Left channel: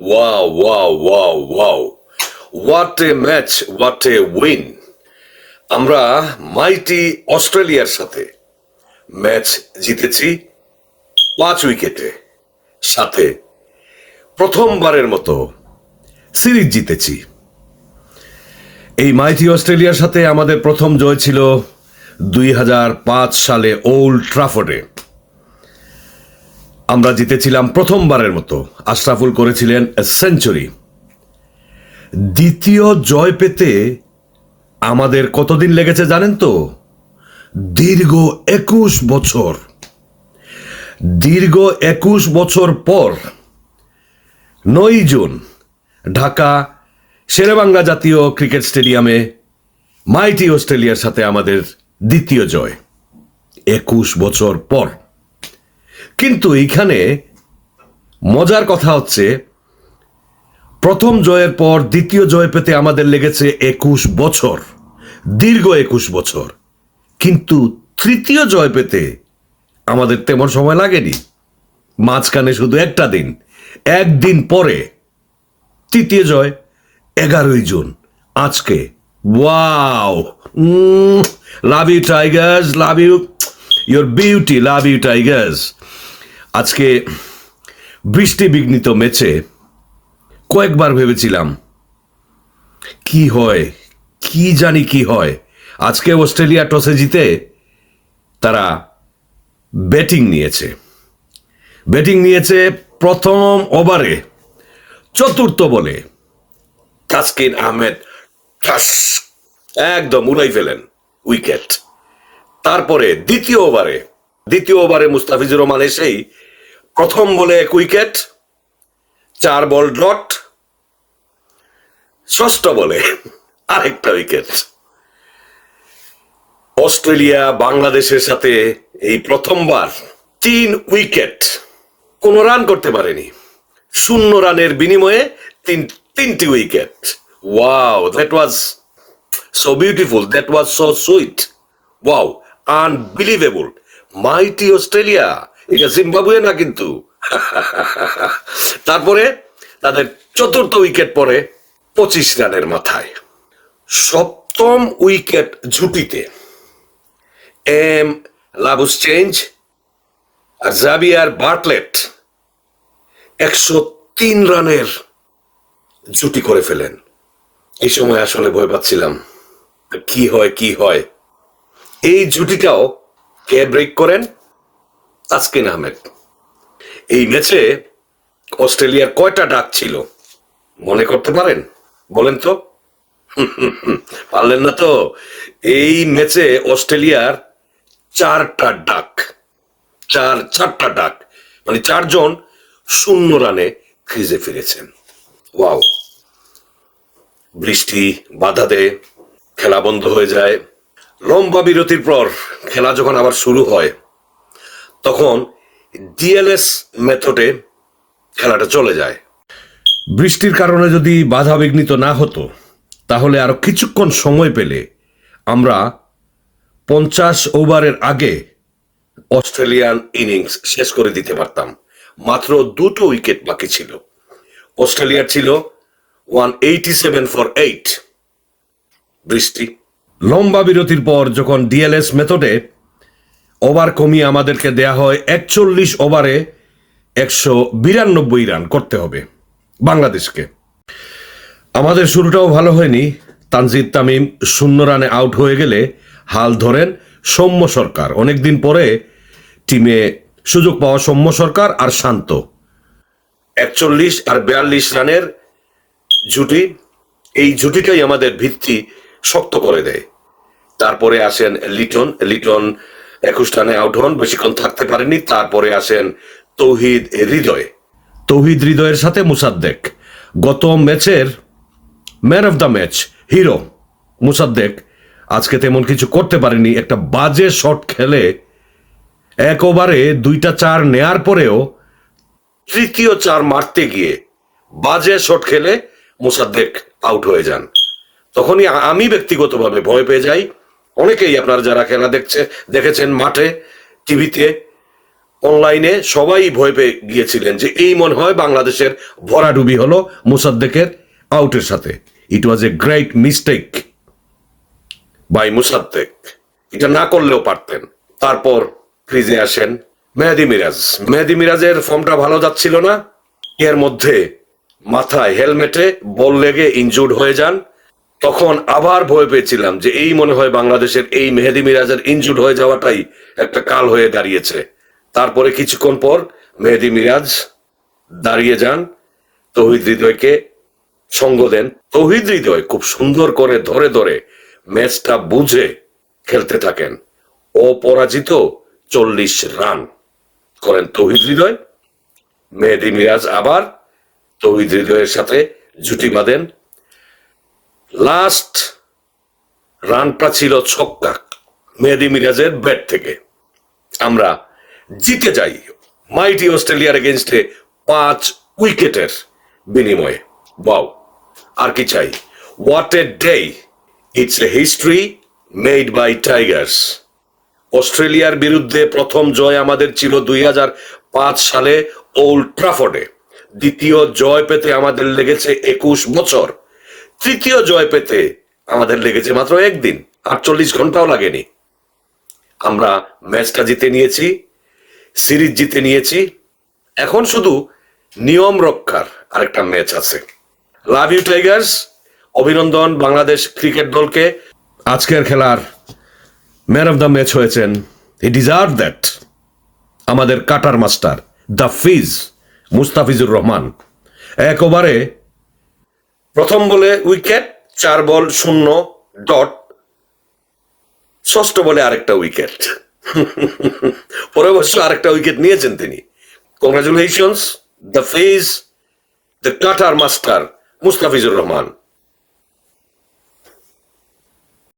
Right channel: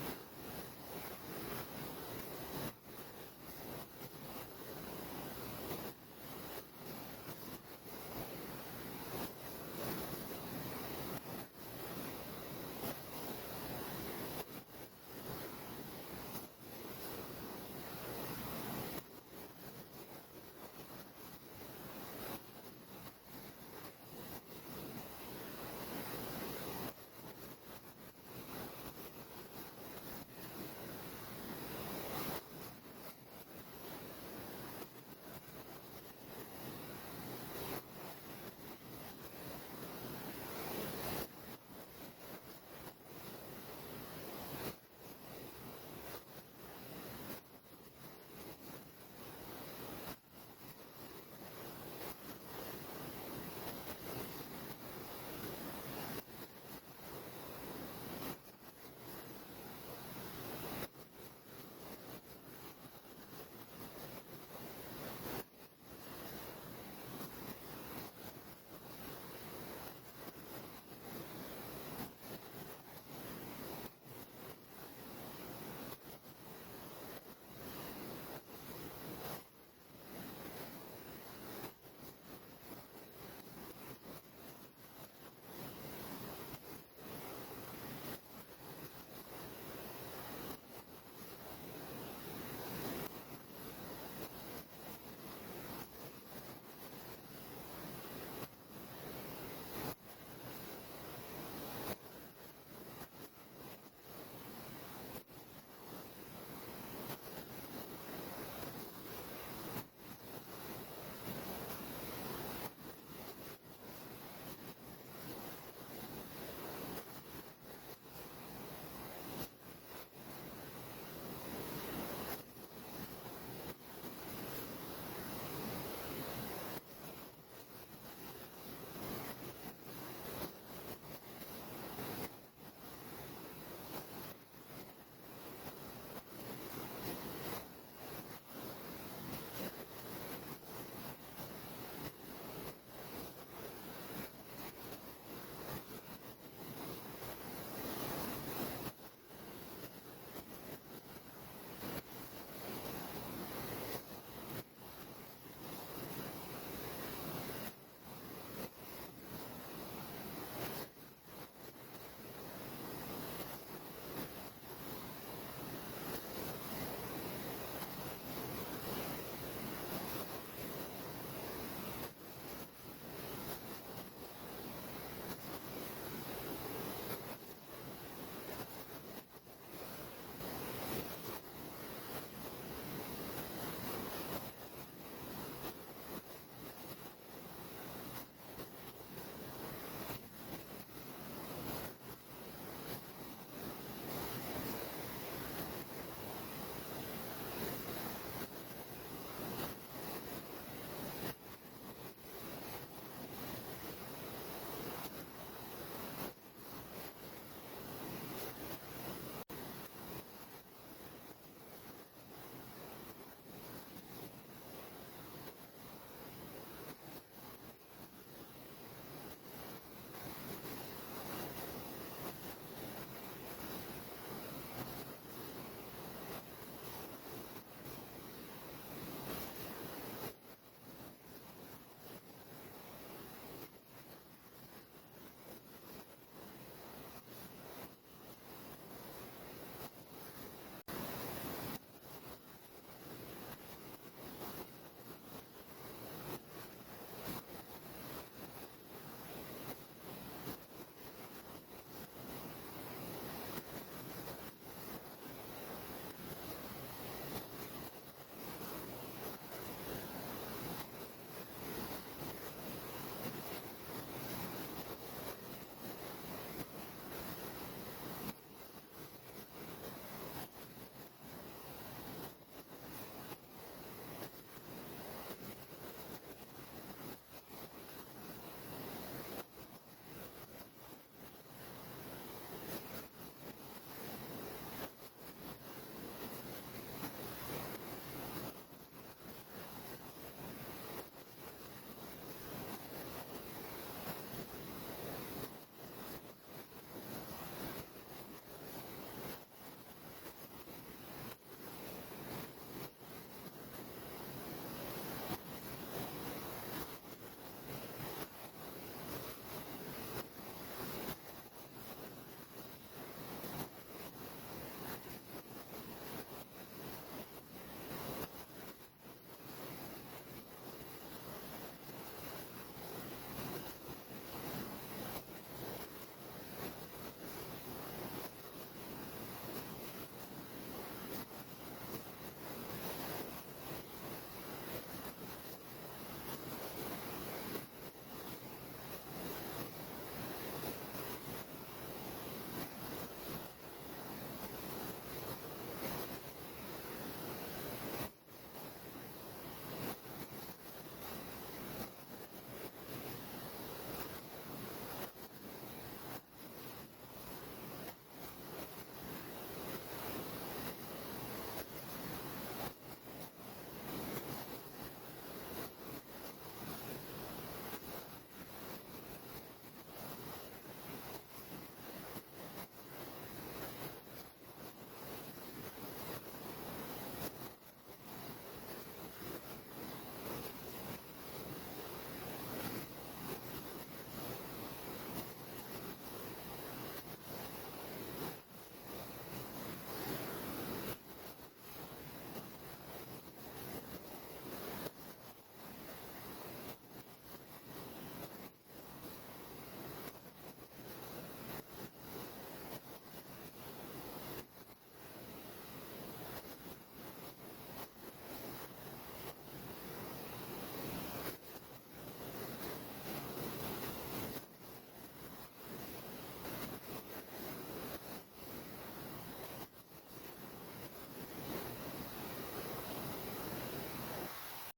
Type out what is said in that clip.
Wow, wow, wow, wow. What a match, what a win. আমরা মাইটি অস্ট্রেলিয়ার সাথে match জিতেছি 5 উইকেটে, সাথে প্রথমবারের মতো সিরিজ জিতেছি। এই মাইটি অস্ট্রেলিয়ার সাথে আমাদের প্রথম জয় ছিল 2005 সালে ওল্ড ট্রাফোর্ডে। আমরা জিতেছিলাম প্রথমবারের মতো। আশরাফুল করেছিলেন সেঞ্চুরি। দ্বিতীয় জয় পেতে আমাদের কতদিন লেগেছে জানেন তো? দীর্ঘ 21 বছর। দীর্ঘ 21 বছর পর 9 জুন ঢাকা শেরেবাংলা জাতীয় ক্রিকেট স্টেডিয়ামে মাইটি অস্ট্রেলিয়ার সাথে আমাদের দ্বিতীয় জয় 21 বছর পর। কিন্তু এইখানে মজার কথা হচ্ছে, প্রথম জয়ের পর দ্বিতীয় জয় পেতে আমাদের লেগেছে 21 বছর, দীর্ঘ 21 বছর। কিন্তু তৃতীয় জয় পেতে আমাদের তেমন সময় লাগেনি। মাঝখানে শুধু একটা দিন, একদিন পরে তৃতীয় জয় 11ই জুন আজকে। Wow, love you Tigers, love you, your beauty, love you Tigers. আজকে বৃষ্টি বিঘ্নিত ম্যাচে কয়েকবার ভেবেছিলাম কি হয়, কি জানি কি হয়। আজকে অস্ট্রেলিয়া টসে জিতে তারা ব্যাটিং নিয়েছে প্রথম ওভারে চতুর্থ বলে তাসকিন আহমেদ একদম উড়াই ফেলেন উইকেট। তারপরে দ্বিতীয় ওভারে মুস্তাফিজুর রহমান এসেই প্রথম বলে 1 উইকেট, 4 বল ডট, ষষ্ঠ বলে আরেকটা উইকেট। অস্ট্রেলিয়া বাংলাদেশের সাথে এই প্রথমবার 3 উইকেট, কোন রান করতে পারেনি। 0 রানের বিনিময়ে তিনটি wicket. Wow, that was so beautiful, that was so sweet. Wow, unbelievable. Mighty Australia, এটা জিম্বাবুয়ে না কিন্তু। তারপরে তাদের চতুর্থ উইকেট পরে 25 রানের মাথায়। সপ্তম উইকেট ঝুঁটিতে এম লাবুসচেঞ্জ আর জাভিয়ার বার্টলেট 103 রানের জুটি করে ফেলেন। এই সময় আসলে ভয় পাচ্ছিলাম কি হয়। এই জুটিটাও কে ব্রেক করেন? তাসকিন আহমেদ। এই ম্যাচে অস্ট্রেলিয়ার কয়টা ডাক ছিল মনে করতে পারেন? বলেন তো। পারলেন না তো? এই ম্যাচে অস্ট্রেলিয়ার 4টা ডাক, চারটা ডাক, মানে 4 জন 0 রানে ক্রিজে ফিরেছেন। ওয়াও। বৃষ্টি বাধা দেয়, খেলা বন্ধ হয়ে যায়। লম্বা বিরতির পর খেলা যখন আবার শুরু হয় তখন ডিএলএস মেথডে খেলাটা চলে যায়। বৃষ্টির কারণে যদি বাধা বিঘ্নিত না হতো তাহলে আরো কিছুক্ষণ সময় পেলে আমরা 50 ওভারের আগে অস্ট্রেলিয়ান ইনিংস শেষ করে দিতে পারতাম। মাত্র 2টো উইকেট বাকি ছিল। অস্ট্রেলিয়ার ছিল 187 ফর 8। বৃষ্টি। লম্বা বিরতির পর যখন ডিএলএস মেথডে ওভার কমিয়ে আমাদেরকে দেয়া হয় 41 ওভারে 192 রান করতে হবে বাংলাদেশকে। আমাদের শুরুটাও ভালো হয়নি। তানজিদ তামিম 0 রানে আউট হয়ে গেলে হাল ধরেন সৌম্য সরকার। অনেকদিন পরে টিমে সুযোগ পাওয়া সৌম্য সরকার আর শান্ত। 41 আর 42 রানের জুটি, এই জুটিটাই আমাদের ভিত্তি শক্ত করে দেয়। তারপরে আসেন লিটন 21 রানে আউট হন, বেশিক্ষণ থাকতে পারেনি। তারপরে আসেন তৌহিদ হৃদয়ের সাথে মুসাদ্দেক। গত ম্যাচের man of the match, hero Mosaddek আজকে তেমন কিছু করতে পারেনি। একটা বাজে শট খেলে 1 ওভারে 2টা 4 নেয়ার পরেও তৃতীয় 4 মারতে গিয়ে বাজে শট খেলে মুসাদ্দেক আউট হয়ে যান। তখনই আমি ব্যক্তিগতভাবে ভয় পেয়ে যাই। অনেকেই আপনারা যারা খেলা দেখেছেন মাঠে, টিভিতে, অনলাইনে সবাই ভয় পেয়ে গিয়েছিলেন যে এই মনে হয় বাংলাদেশের ভরাডুবি হলো মোসাদ্দেকের আউটের সাথে। It was a great mistake by Mosaddek, এটা না করলেও পারতেন। তারপর ক্রিজে আসেন মেহেদী মিরাজ। মেহেদী মিরাজের ফর্মটা ভালো যাচ্ছিল না, এর মধ্যে মাথায় হেলমেটে বল লেগে ইনজুর্ড হয়ে যান। তখন আবার ভয় পেয়েছিলাম যে এই মনে হয় বাংলাদেশের এই মেহেদী মিরাজের ইনজুর্ড হয়ে যাওয়াটাই একটা কাল হয়ে দাঁড়িয়েছে। তারপরে কিছুক্ষণ পর মেহেদী মিরাজ দাঁড়িয়ে যান, তৌহিদ হৃদয়কে সঙ্গ দেন। তৌহিদ হৃদয় খুব সুন্দর করে ধরে ধরে ম্যাচটা বুঝে খেলতে থাকেন। অপরাজিত 40 রান করেন তৌহিদ হৃদয়। মেহেদী মিরাজ আবার তৌহিদ হৃদয়ের সাথে জুটি বাঁধেন। লাস্ট রানটা ছিল ছক্কা মেহেদী মিরাজের ব্যাট থেকে। আমরা জিতে যাই মাইটি অস্ট্রেলিয়ার এগেইনস্টে 5 উইকেটের বিনিময়ে। ওয়াও, আর কি চাই? What a day, it's a history made by Tigers. অস্ট্রেলিয়ার বিরুদ্ধে প্রথম জয় আমাদের ছিল 2005 সালে ওল্ড ট্রাফোর্ডে। দ্বিতীয় জয় পেতে আমাদের লেগেছে 21 বছর। তৃতীয় জয় পেতে আমাদের লেগেছে মাত্র একদিন, 48 ঘন্টাও লাগেনি। আমরা ম্যাচটা জিতে নিয়েছি, সিরিজ জিতে নিয়েছি। এখন শুধু নিয়ম রক্ষার আরেকটা ম্যাচ আছে। লাভ ইউ টাইগার্স, অভিনন্দন বাংলাদেশ ক্রিকেট দলকে। আজকের খেলার ম্যান অফ দ্য ম্যাচ হয়েছেন, হি ডিজার্ভ দ্যাট, আমাদের cutter master the fees Mustafizur Rahman. এক ওভারে প্রথম বলে উইকেট, 4 বল 0 ডট, ষষ্ঠ বলে আরেকটা উইকেট। পরে অবশ্য আরেকটা উইকেট নিয়েছেন তিনি। Congratulations the fees, the cutter master Mustafizur Rahman.